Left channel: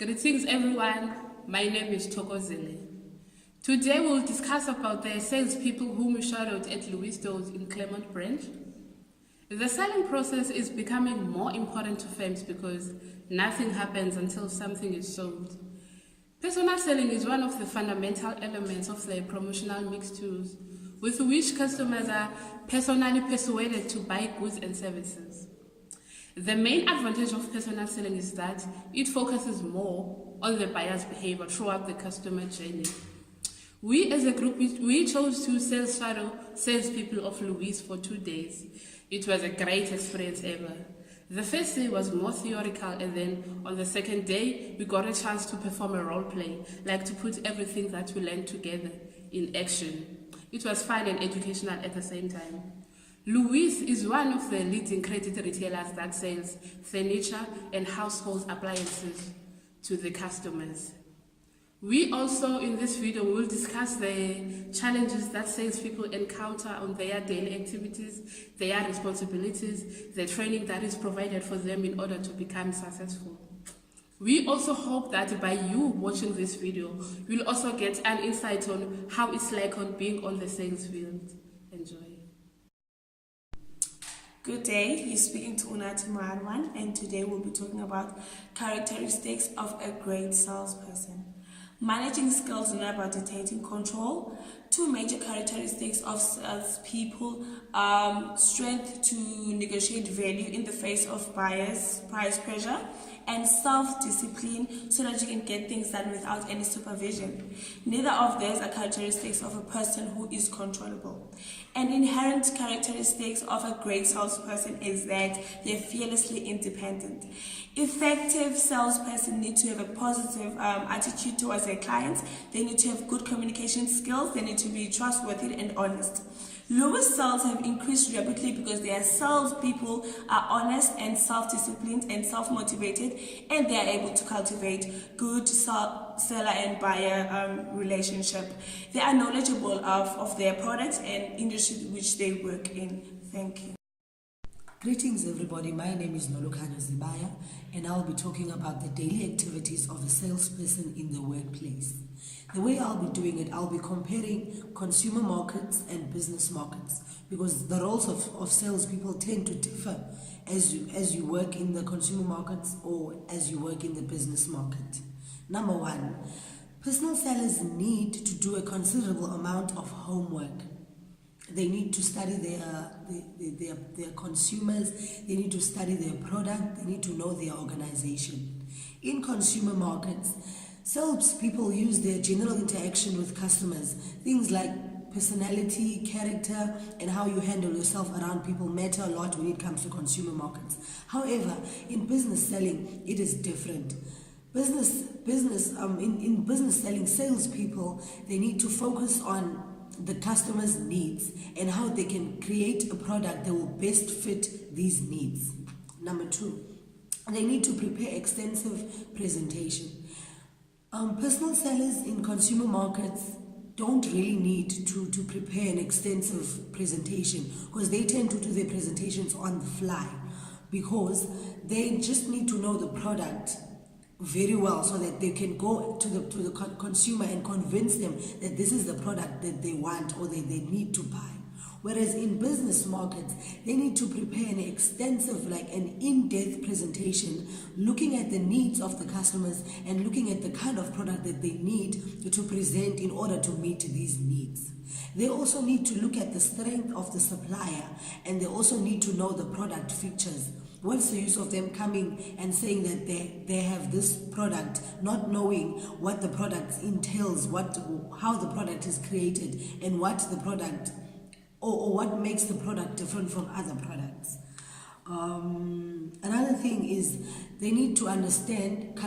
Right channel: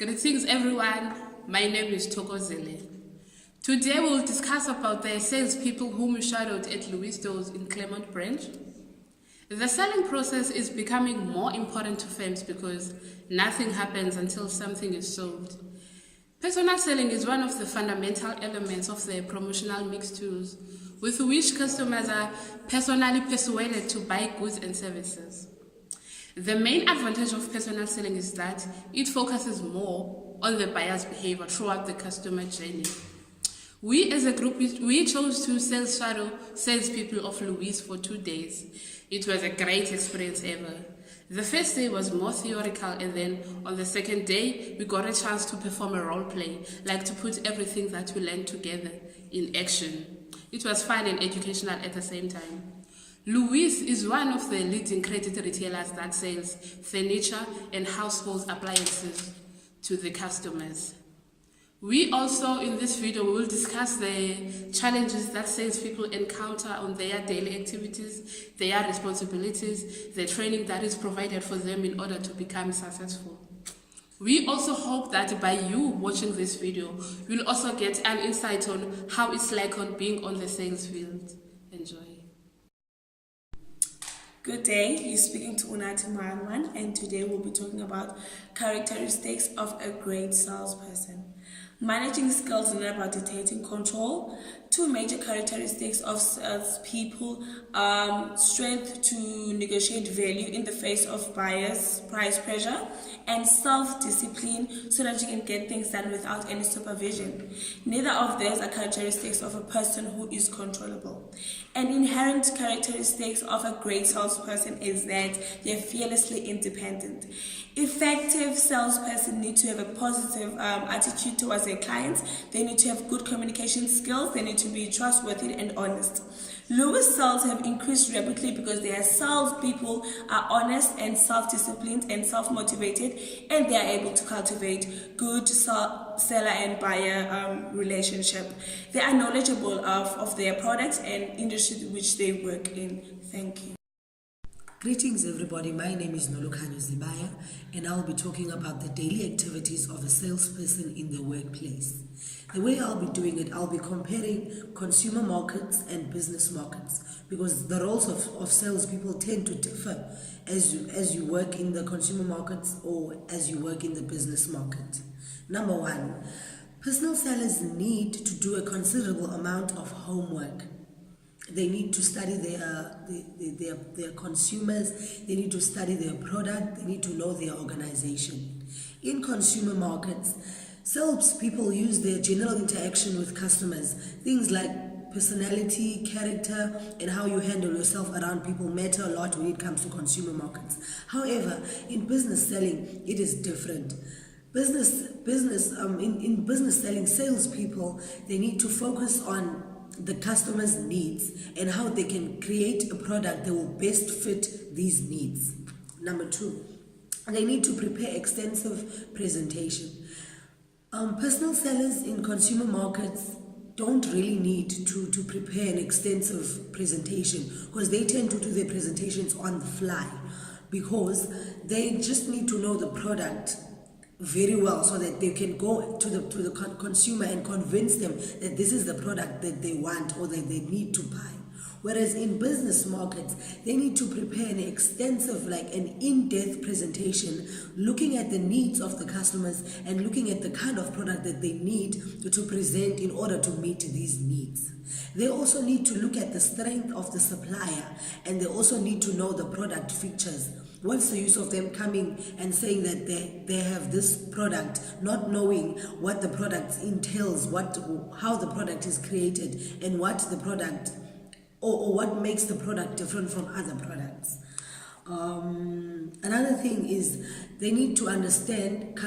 Greetings everyone, my name is Thokozele. Today we'll discuss about the salespeople whom we shadowed at Louis stores in Claremont branch. The selling process is becoming more important to firms because nothing happens until something is sold. Personal selling is one of the fundamental elements of the promotional mix tools with which customers are personally persuaded to buy goods and services. The main advantage of personal selling is that it focuses more on the buyer's behavior throughout the customer journey. We as a group, we chose to Saleshadow salespeople of Louis for 2 days. It was a great experience ever. The first day was more theoretical, and then on the second day, we got a chance to perform a role play, like to put everything that we learned together in action. It was fun and educational at the same time. Louis is one of the leading credit retailers that sells furniture and household appliances to the customers. We also, in this video, will discuss the challenges that salespeople encounter on their daily activities, their responsibilities, the training that is provided for them in order to become successful. We also hope that by you watching this video, you'll also get an insight on how it's like on being on the sales field. Enjoy. Good day, you're speaking to Unati Marwan, and today we'll be talking about characteristics of a great salesperson. Managing skills and about taking control. 2 major characteristics of salespeople: strength to negotiate value in the face of buyers' price pressure, and self-discipline so that you can get things done without any supervision. Neither of those are characteristics of a person who is controllable. An inherent characteristics of a great salesperson is that they're fearlessly independent. Effective salesperson need to have a positive attitude towards their clients. They need to have good communication skills. They need to be trustworthy and honest. Louis sales have increased rapidly because their salespeople are honest and self-disciplined and self-motivated, and they are able to cultivate good seller and buyer relationship. They are knowledgeable of their products and industry which they work in. Thank you. Greetings everybody, my name is Nolokana Zibaya, and I'll be talking about the daily activities of a salesperson in the workplace. The way I'll be doing it, I'll be comparing consumer markets and business markets, because the roles of salespeople tend to differ as you work in the consumer markets or as you work in the business market. Number 1, personal sellers need to do a considerable amount of homework. They need to study their consumers, they need to study their product, they need to know their organization. In consumer markets, salespeople use their general interaction with customers. Things like personality, character, and how you handle yourself around people matter a lot when it comes to consumer markets. However, in business selling, it is different. In business selling, salespeople, they need to focus on the customer's needs and how they can create a product that will best fit these needs. Number 2, they need to prepare extensive presentation. Personal sellers in consumer markets don't really need to prepare an extensive presentation, because they tend to do their presentations on the fly, because they just need to know the product very well so that they can go to the consumer and convince them that this is the product that they want or that they need to buy. Whereas in business markets, they need to prepare an extensive, an in-depth presentation, looking at the needs of the customers and looking at the kind of product that they need to present in order to meet these needs. They also need to look at the strength of the supplier, and they also need to know the product features. What's the use of them coming and saying that they have this product, not knowing what the product entails, how the product is created, and what the product or what makes the product different from other products. Another thing is they need to understand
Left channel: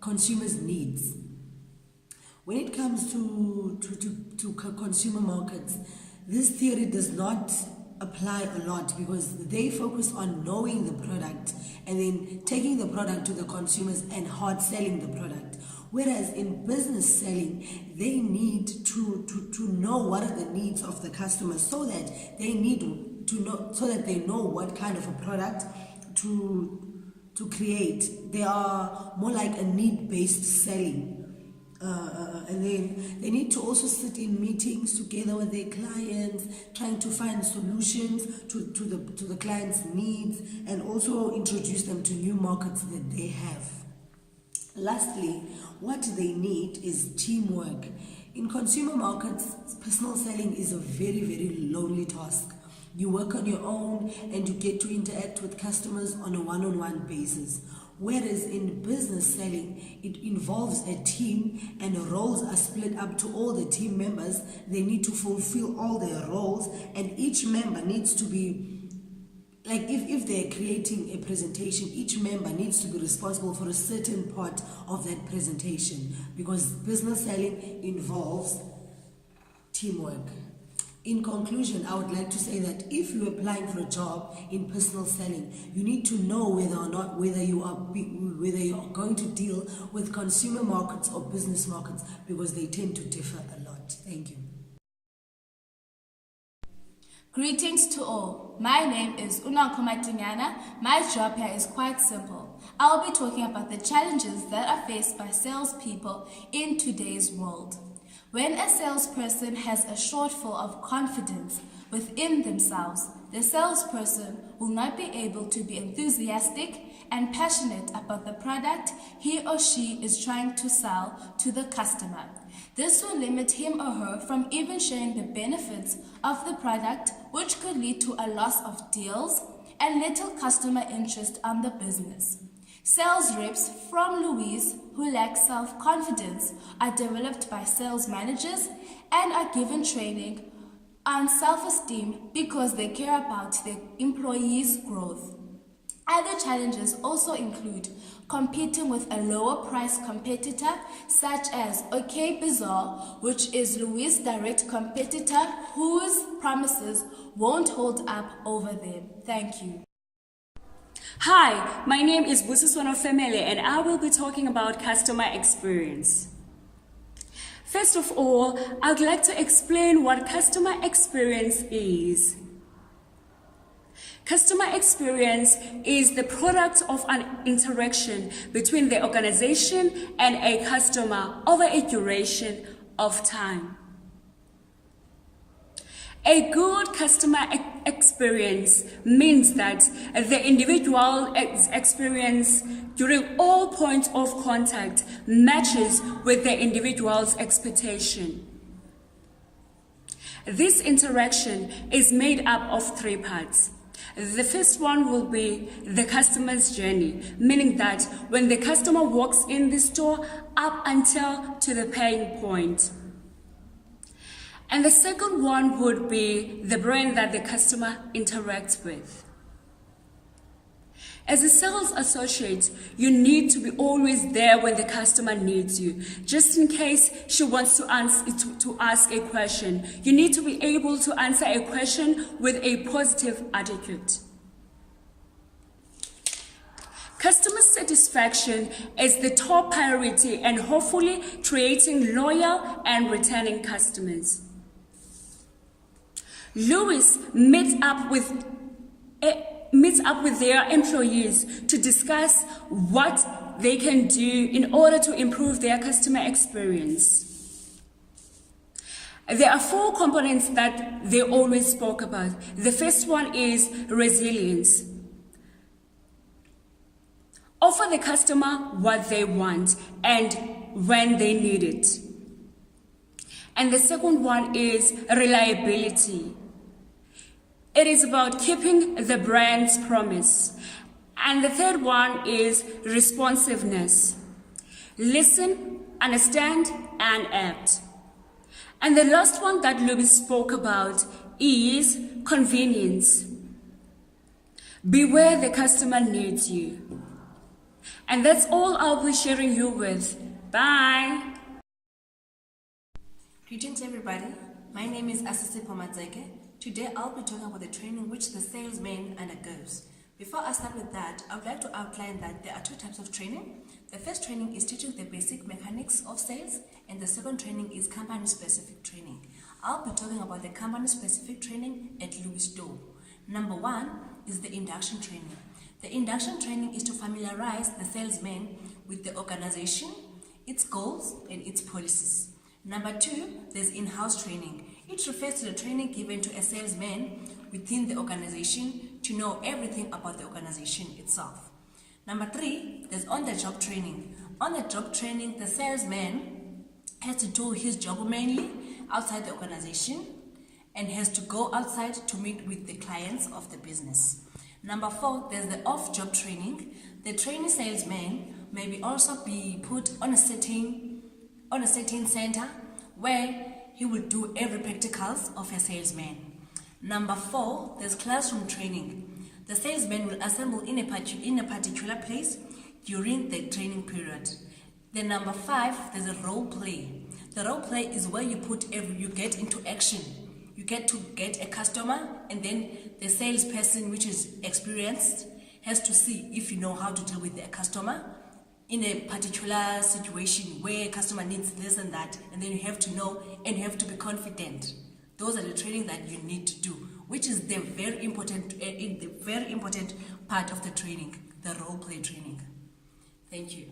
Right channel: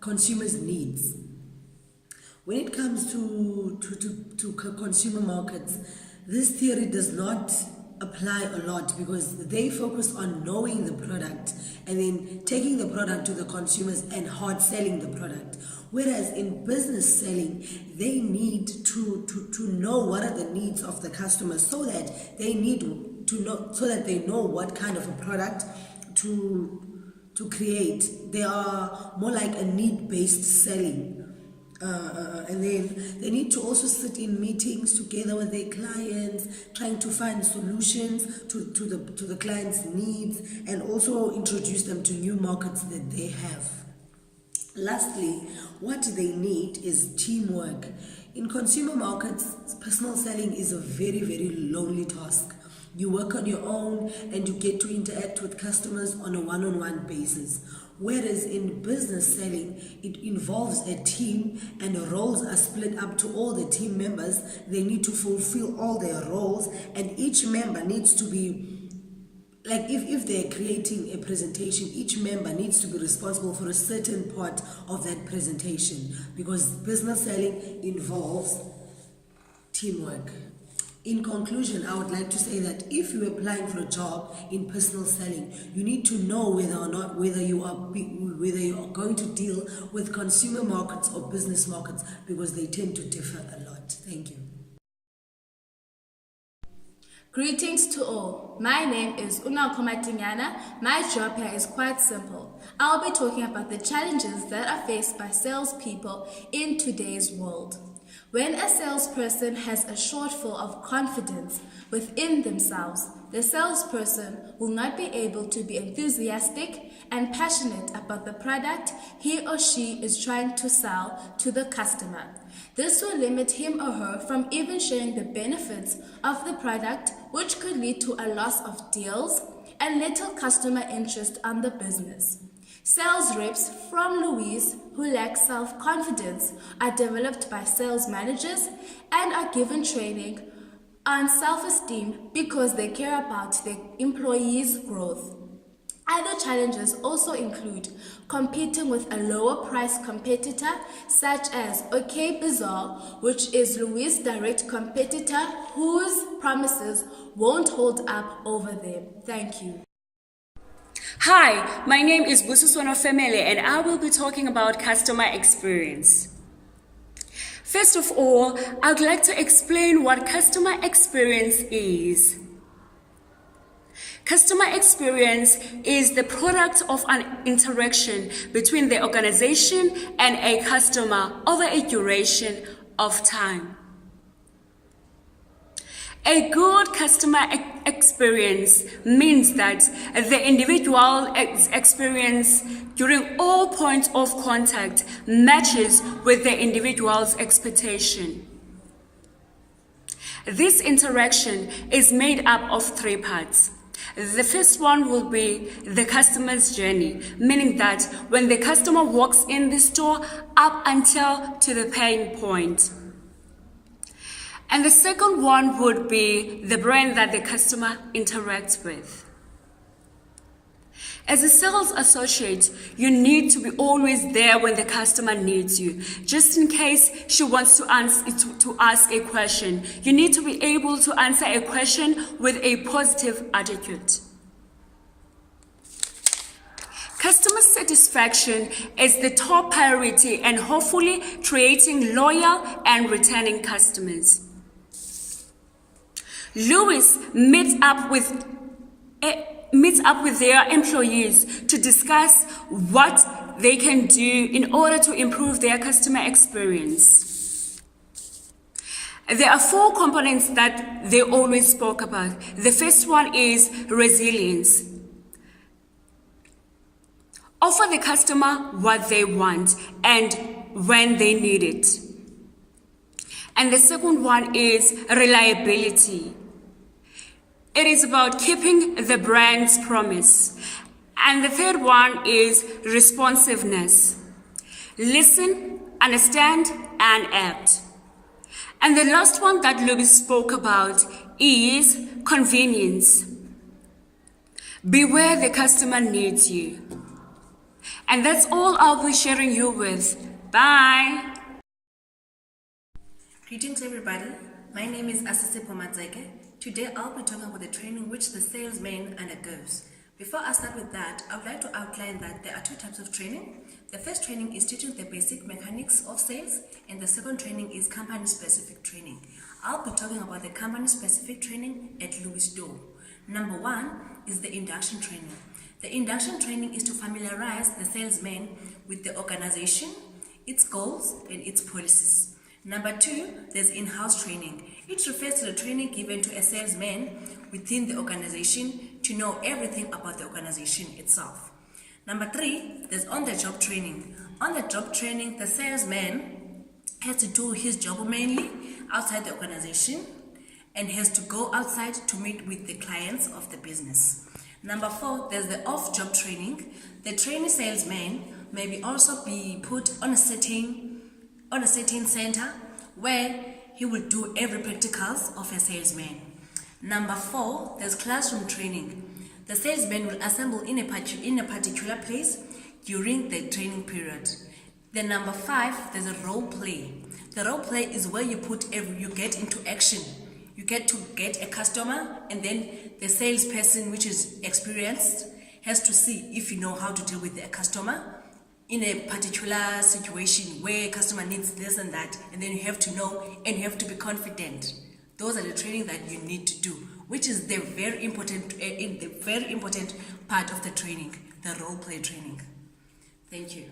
consumers' needs. When it comes to consumer markets, this theory does not apply a lot, because they focus on knowing the product and then taking the product to the consumers and hard selling the product. Whereas in business selling, they need to know what are the needs of the customers, so that they know what kind of a product to to create. They are more like a need-based selling. And then they need to also sit in meetings together with their clients, trying to find solutions to the client's needs, and also introduce them to new markets that they have. Lastly, what they need is teamwork. In consumer markets, personal selling is a very, very lonely task. You work on your own and you get to interact with customers on a one-on-one basis. Whereas in business selling, it involves a team and roles are split up to all the team members. They need to fulfill all their roles, and each member needs to be, like if they're creating a presentation, each member needs to be responsible for a certain part of that presentation, because business selling involves teamwork. In conclusion, I would like to say that if you're applying for a job in personal selling, you need to know whether you are going to deal with consumer markets or business markets, because they tend to differ a lot. Thank you. Greetings to all. My name is Una Komatinyana. My job here is quite simple. I'll be talking about the challenges that are faced by salespeople in today's world. When a salesperson has a shortfall of confidence within themselves, the salesperson will not be able to be enthusiastic and passionate about the product he or she is trying to sell to the customer. This will limit him or her from even sharing the benefits of the product, which could lead to a loss of deals and little customer interest on the business. Sales reps from Louise who lack self-confidence are developed by sales managers and are given training on self-esteem because they care about their employees' growth. Other challenges also include competing with a lower price competitor such as OK Bazaar, which is Louis' direct competitor whose promises won't hold up over them. Thank you. Hi, my name is Busiswano Family and I will be talking about customer experience. First of all, I would like to explain what customer experience is. Customer experience is the product of an interaction between the organization and a customer over a duration of time. A good customer experience means that the individual experience during all points of contact matches with the individual's expectation. This interaction is made up of three parts. The first one will be the customer's journey, meaning that when the customer walks in the store up until to the paying point. And the second one would be the brand that the customer interacts with. As a sales associate, you need to be always there when the customer needs you. Just in case she wants to ask a question, you need to be able to answer a question with a positive attitude. Customer satisfaction is the top priority and hopefully creating loyal and returning customers. Louis meets up with their employees to discuss what they can do in order to improve their customer experience. There are four components that they always spoke about. The first one is resilience. Offer the customer what they want and when they need it. And the second one is reliability. It is about keeping the brand's promise. And the third one is responsiveness. Listen, understand, and act. And the last one that Louis spoke about is convenience. Be where the customer needs you. And that's all I'll be sharing you with. Bye. Greetings everybody, my name is Asisi Pomadzeke. Today I'll be talking about the training which the salesman undergoes. Before I start with that, I would like to outline that there are two types of training. The first training is teaching the basic mechanics of sales, and the second training is company-specific training. I'll be talking about the company-specific training at Louis Door. Number one is the induction training. The induction training is to familiarize the salesman with the organization, its goals, and its policies. Number 2, there's in-house training. It refers to the training given to a salesman within the organization to know everything about the organization itself. Number 3, there's on-the-job training. On-the-job training, the salesman has to do his job mainly outside the organization and has to go outside to meet with the clients of the business. Number 4, there's the off-job training. The trainee salesman may also be put on a setting center where he will do every practicals of a salesman. Number 4, there's classroom training. The salesman will assemble in a particular place during the training period. Then number 5, there's a role play. The role play is where you get into action. You get to get a customer, and then the salesperson, which is experienced, has to see if you know how to deal with a customer in a particular situation where a customer needs this and that, and then you have to know and you have to be confident. Those are the training that you need to do, which is the very important part of the training, the role play training. Thank you.